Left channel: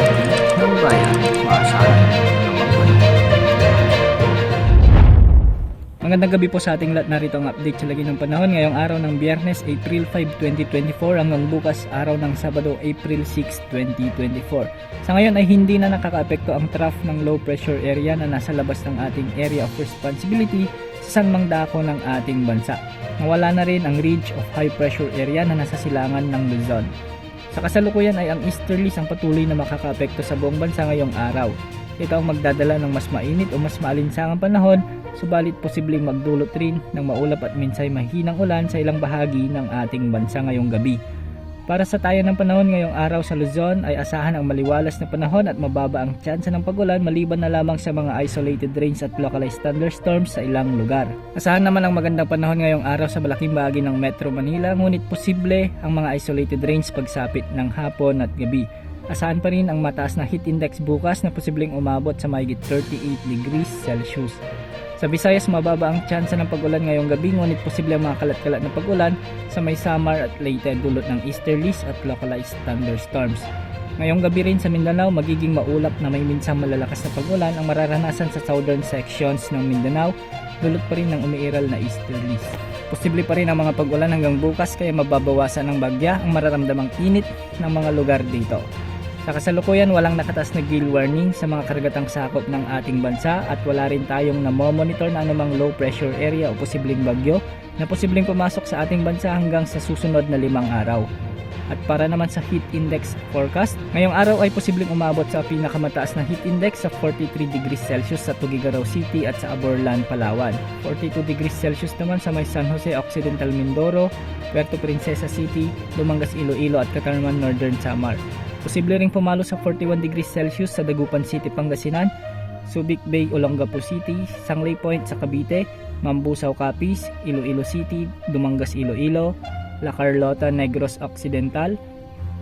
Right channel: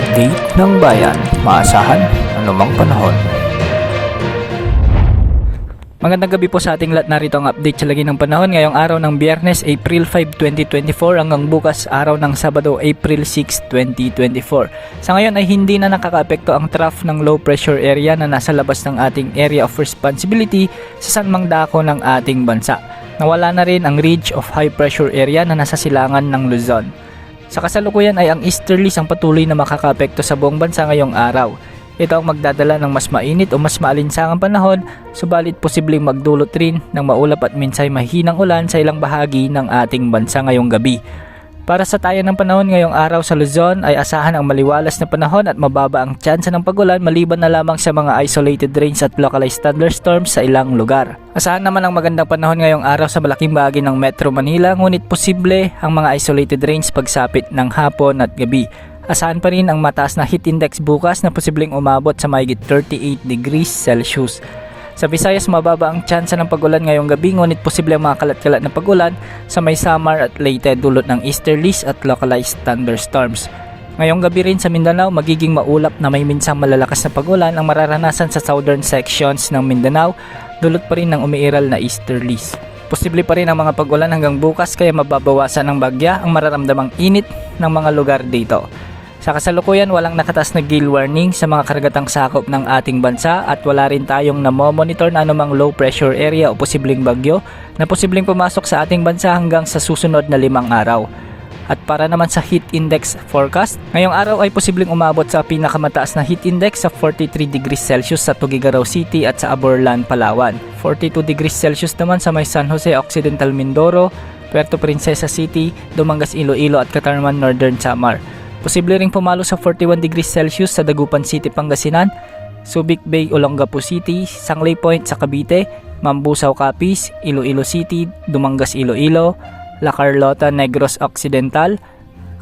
update ng bayan, maasahan anumang panahon. Magandang gabi po sa ating lahat. Narito ang update sa lagi ng panahon ngayong araw ng Biyernes, April 5, 2024 hanggang bukas araw ng Sabado, April 6, 2024. Sa ngayon ay hindi na nakakaapekto ang trough ng low pressure area na nasa labas ng ating area of responsibility sa sanmang dako ng ating bansa. Nawala na rin ang ridge of high pressure area na nasa silangan ng Luzon. Sa kasalukuyan ay ang easterlies ang patuloy na makakaapekto sa buong bansa ngayong araw. Ito ang magdadala ng mas mainit o mas maalinsangang panahon, subalit posibleng magdulot rin ng maulap at minsay mahinang ulan sa ilang bahagi ng ating bansa ngayong gabi. Para sa tayo ng panahon ngayong araw sa Luzon ay asahan ang maliwalas na panahon at mababa ang tsansa ng pagulan maliban na lamang sa mga isolated rains at localized thunderstorms sa ilang lugar. Asahan naman ang magandang panahon ngayong araw sa malaking bahagi ng Metro Manila, ngunit posible ang mga isolated rains pagsapit ng hapon at gabi. Asahan pa rin ang mataas na heat index bukas na posibleng umabot sa mahigit 38 degrees Celsius. Sa Visayas, mababa ang tsansa ng pagulan ngayong gabi, ngunit posible ang mga kalat-kalat na pagulan sa may Samar at Leyte dulot ng easterlies at localized thunderstorms. Ngayong gabi rin sa Mindanao, magiging maulap na may minsang malalakas na pagulan ang mararanasan sa southern sections ng Mindanao, dulot pa rin ng umiiral na easterlies. Posible pa rin ang mga pagulan hanggang bukas, kaya mababawasan ng bagya ang mararamdamang init ng mga lugar dito. Sa kasalukuyan, walang nakataas na gale warning sa mga karagatang sakop ng ating bansa at wala rin tayong namomonitor na anumang low pressure area o posibleng bagyo na posibleng pumasok sa ating bansa hanggang sa susunod na 5 araw. At para naman sa heat index forecast, ngayong araw ay posibleng umabot sa pinakamataas na heat index sa 43 degrees Celsius sa Tuguegarao City at sa Aborlan, Palawan. 42 degrees Celsius naman sa may San Jose Occidental, Mindoro, Puerto Princesa City, Dumangas, Iloilo at Catarman, Northern Samar. Posible ring pumalo sa 41 degrees Celsius sa Dagupan City, Pangasinan, Subic Bay, Olongapo City, Sangley Point sa Cavite, Mambusaw, Capiz, Iloilo City, Dumangas, Iloilo, La Carlota, Negros Occidental,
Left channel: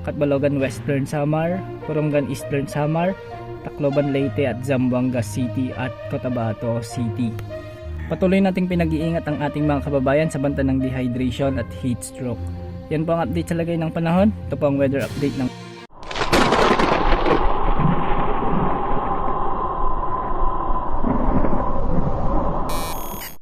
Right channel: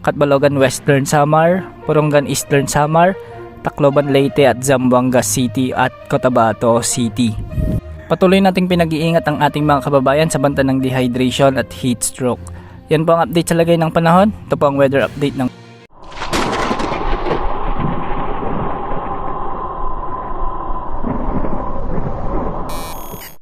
Catbalogan, Western Samar, Purongan, Eastern Samar, Tacloban, Leyte at Zamboanga City at Cotabato City. Patuloy nating pinag-iingat ang ating mga kababayan sa banta ng dehydration at heat stroke. Yan po ang update sa lagay ng panahon. Ito po ang weather update ng